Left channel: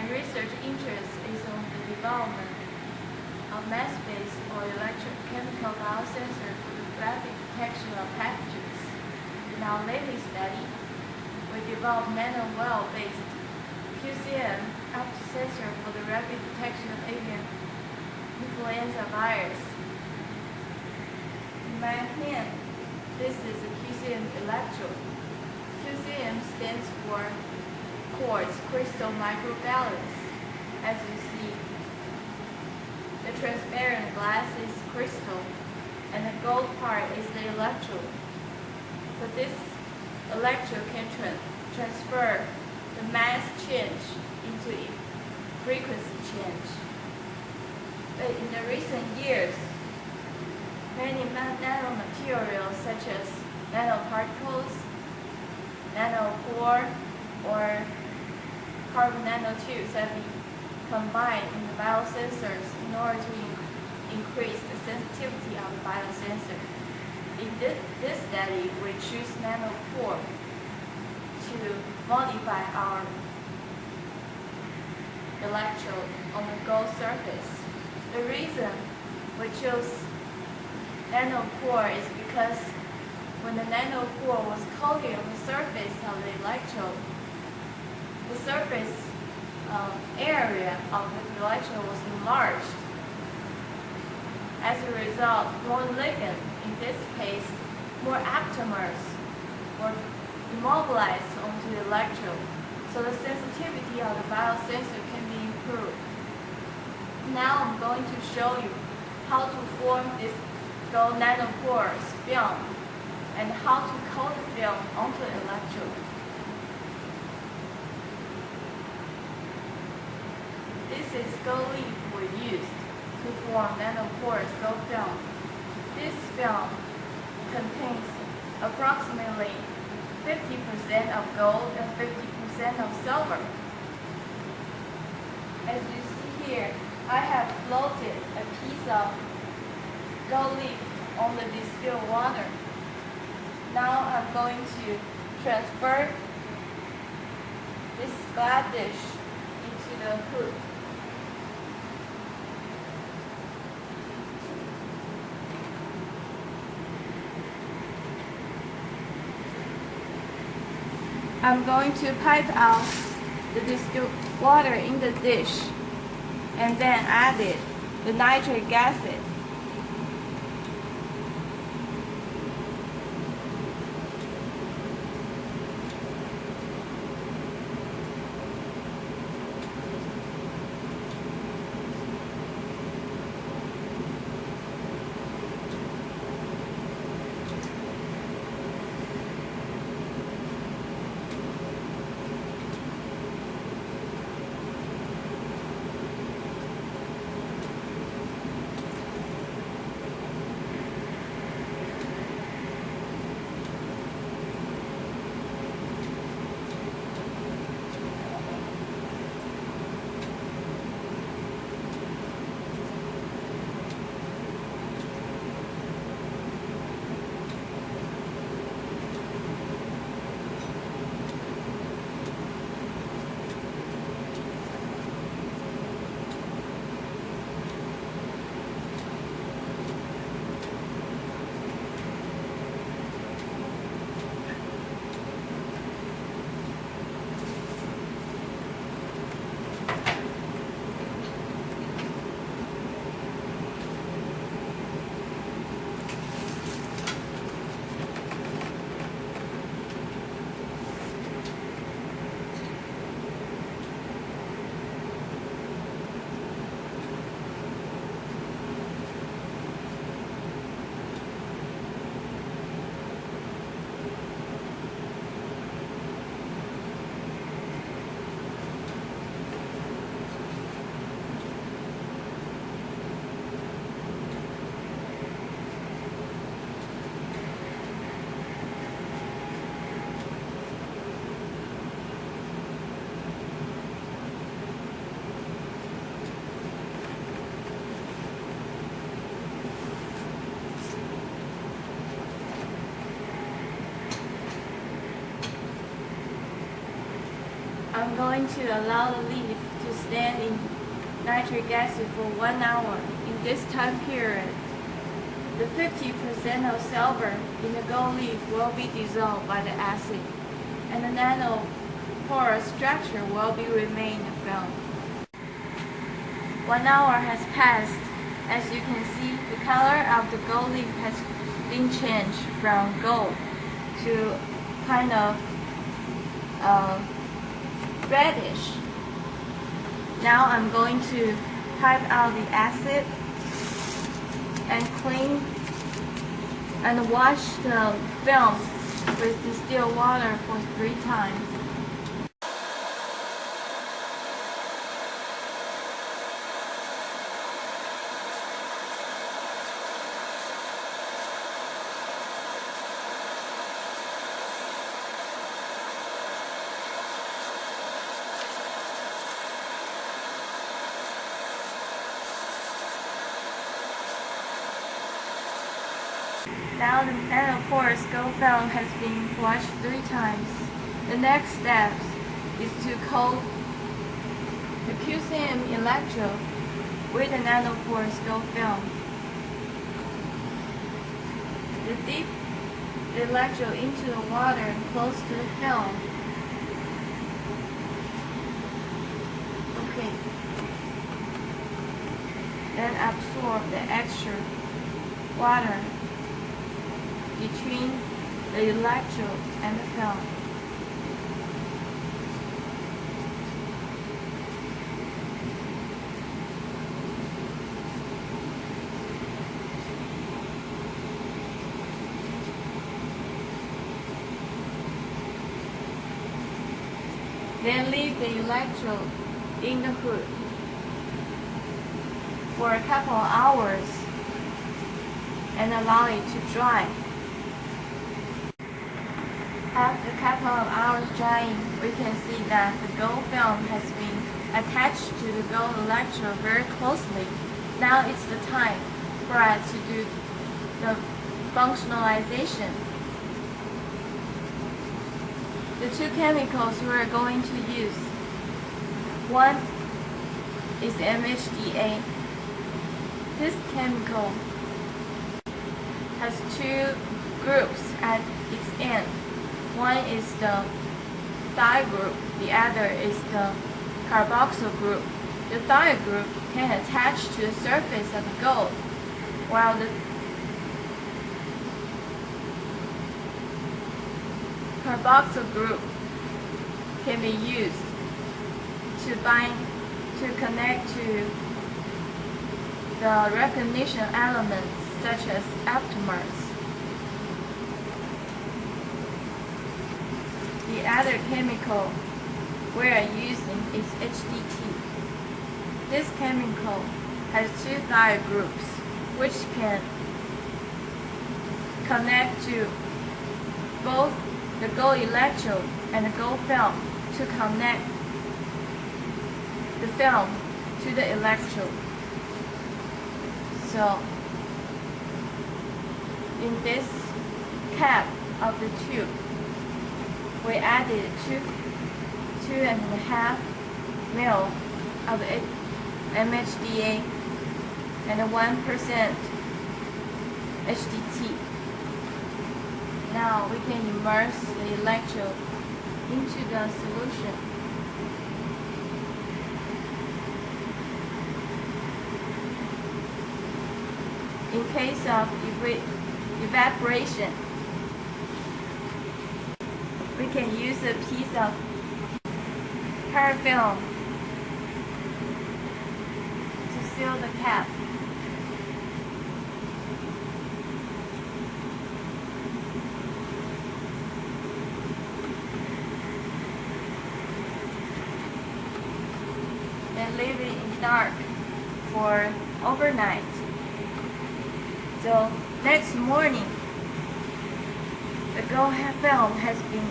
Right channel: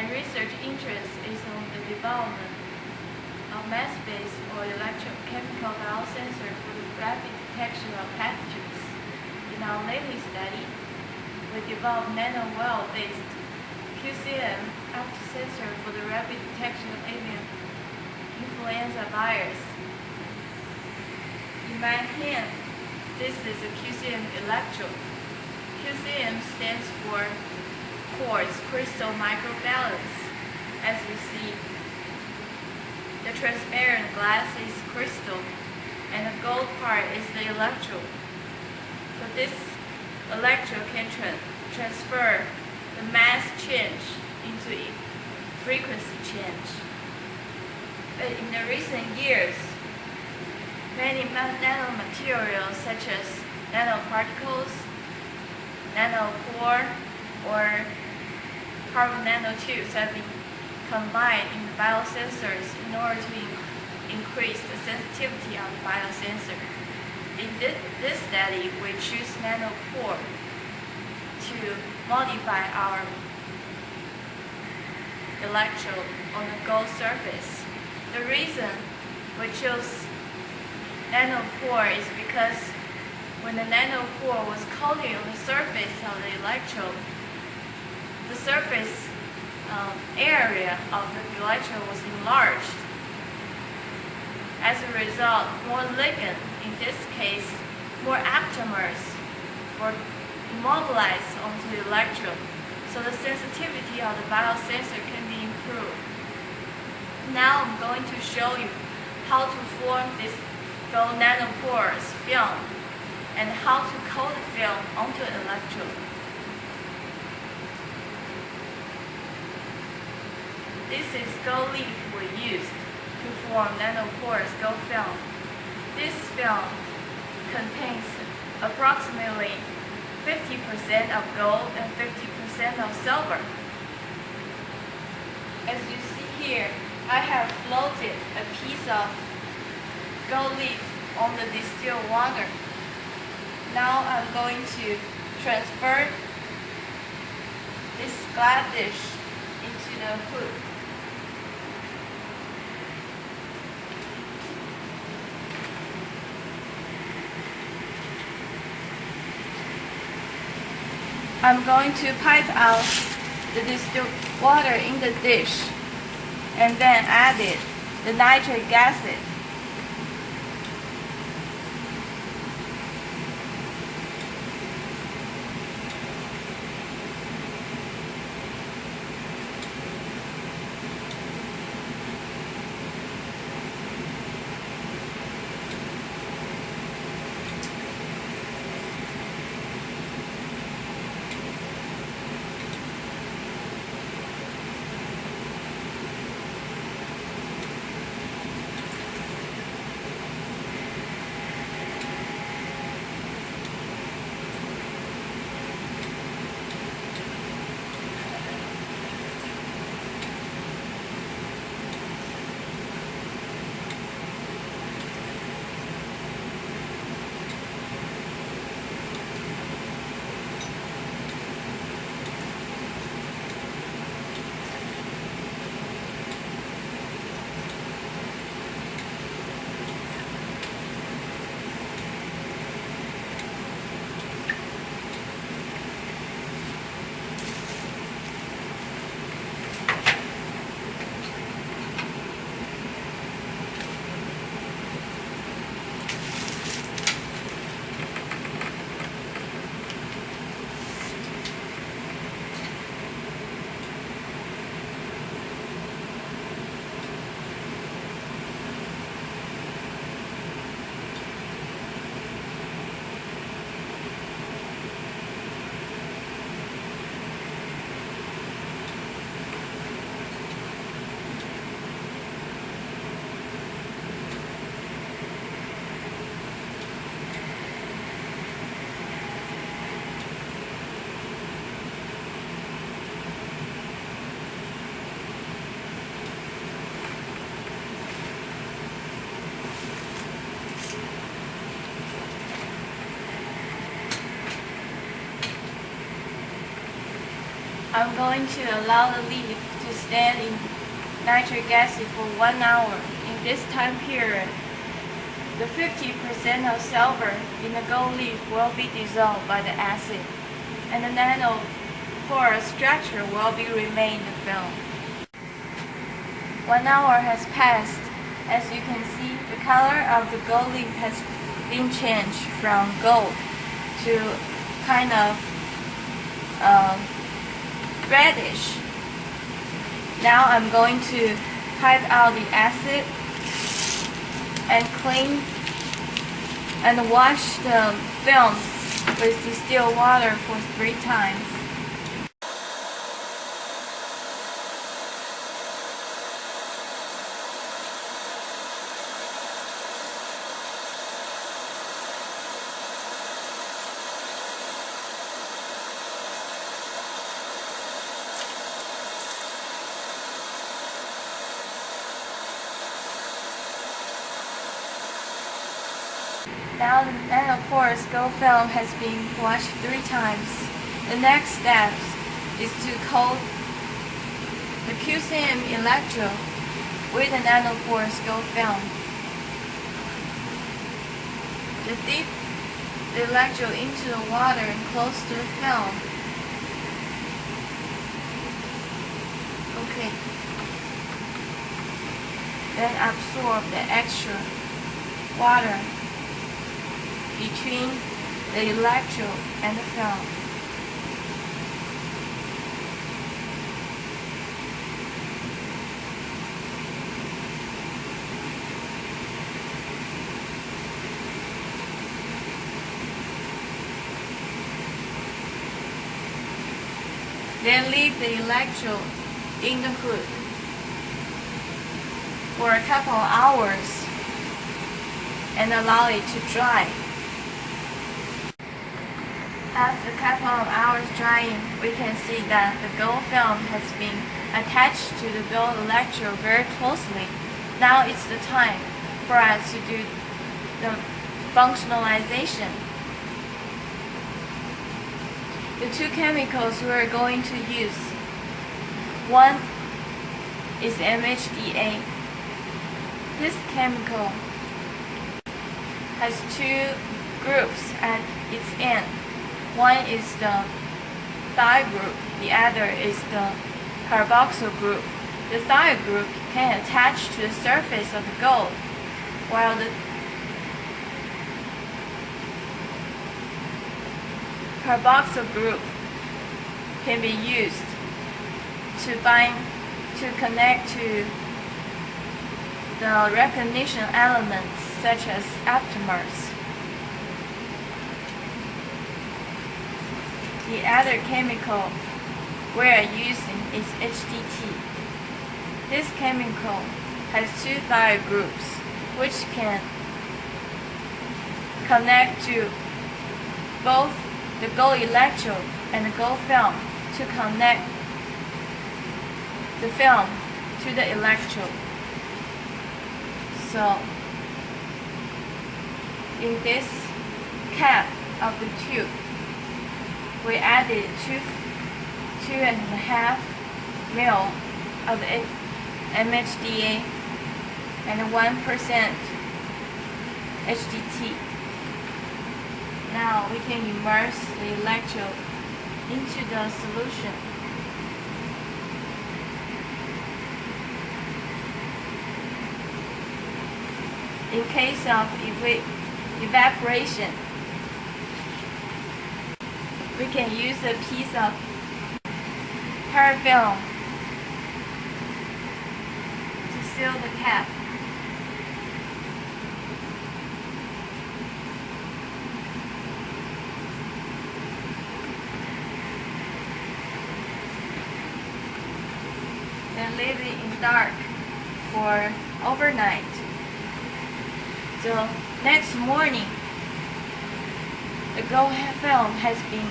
My research interest is on the development of mass-based or electrochemical biosensor for the rapid detection of pathogens. In our latest study, we developed nanowell-based QCM sensor for the rapid detection of avian influenza virus. In my hand, this is a QCM electrode. QCM stands for quartz crystal microbalance. As you see, the transparent glass is crystal and the gold part is the electrode. So this electrode can transfer the mass change into frequency change. But in the recent years, many nanomaterials such as nanoparticles, nanopore, or carbon nanotubes have been combined in the biosensors in order to increase the sensitivity of the biosensor. In this study, we choose nanopore to modify our electrode on the gold surface. The reason we chose nanopore is because when the nanopore was coated on the surface of the electrode, the surface area of the electrode was enlarged. As a result, more ligand, in this case, more aptamers, were immobilized onto the electrode, so the sensitivity of the biosensor can be improved. Now I'm going to show you how to form this gold nanoporous film and how to coat the film onto the electrode. This is gold leaf we used to form nanoporous gold film. This film contains approximately 50% of gold and 50% of silver. As you see here, I have floated a piece of gold leaf on the distilled water. Now I'm going to transfer this glass dish into the hood. I'm going to pipe out the distilled water in the dish and then add the nitric acid. I'm going to allow the leaf to stand in nitric acid for 1 hour. In this time period, the 50% of silver in the gold leaf will be dissolved by the acid, and the nanoporous structure will be remain the film. 1 hour has passed. As you can see, the color of the gold leaf has been changed from gold to kind of reddish. Now I'm going to pipe out the acid and clean and wash the film with distilled water for 3 times. Now the nanoporous gold film has been washed 3 times. The next step is to coat the QCM electrode with the nanoporous gold film. To dip the electrode into the water and close to the film. Okay. Then absorb the extra water between the electrode and the film. Then leave the electrode in the hood for a couple of hours and allow it to dry. After a couple of hours drying, we can see that the gold film has been attached to the gold electrode very closely. Now it's the time for us to do the functionalization. The 2 chemicals we are going to use. One is MHDA. This chemical has 2 groups at its end. One is the thiol group, the other is the carboxyl group. The thiol group can attach to the surface of the gold, while the carboxyl group can be used to connect to the recognition elements such as aptamers. The other chemical we are using is HDT. This chemical has 2 thiol groups which can connect to both the gold electrode and the gold film to connect the film to the electrode. So in this cap of the tube, we added 2.5 ml of MHDA and 1% HDT. Now we can immerse the electrode into the solution. In case of evaporation, we can use a piece of parafilm to seal the cap. Then leave it in dark for overnight. So next morning, the gold film has been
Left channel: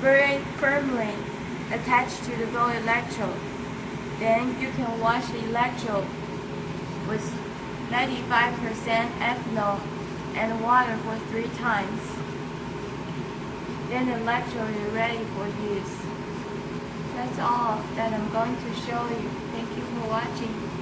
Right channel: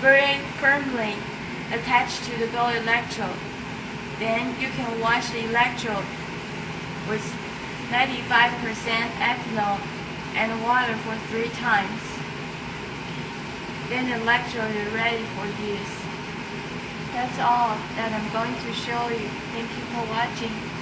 very firmly attached to the gold electrode. Then you can wash the electrode with 95% ethanol and water for 3 times. Then the electrode is ready for use. That's all that I'm going to show you. Thank you for watching.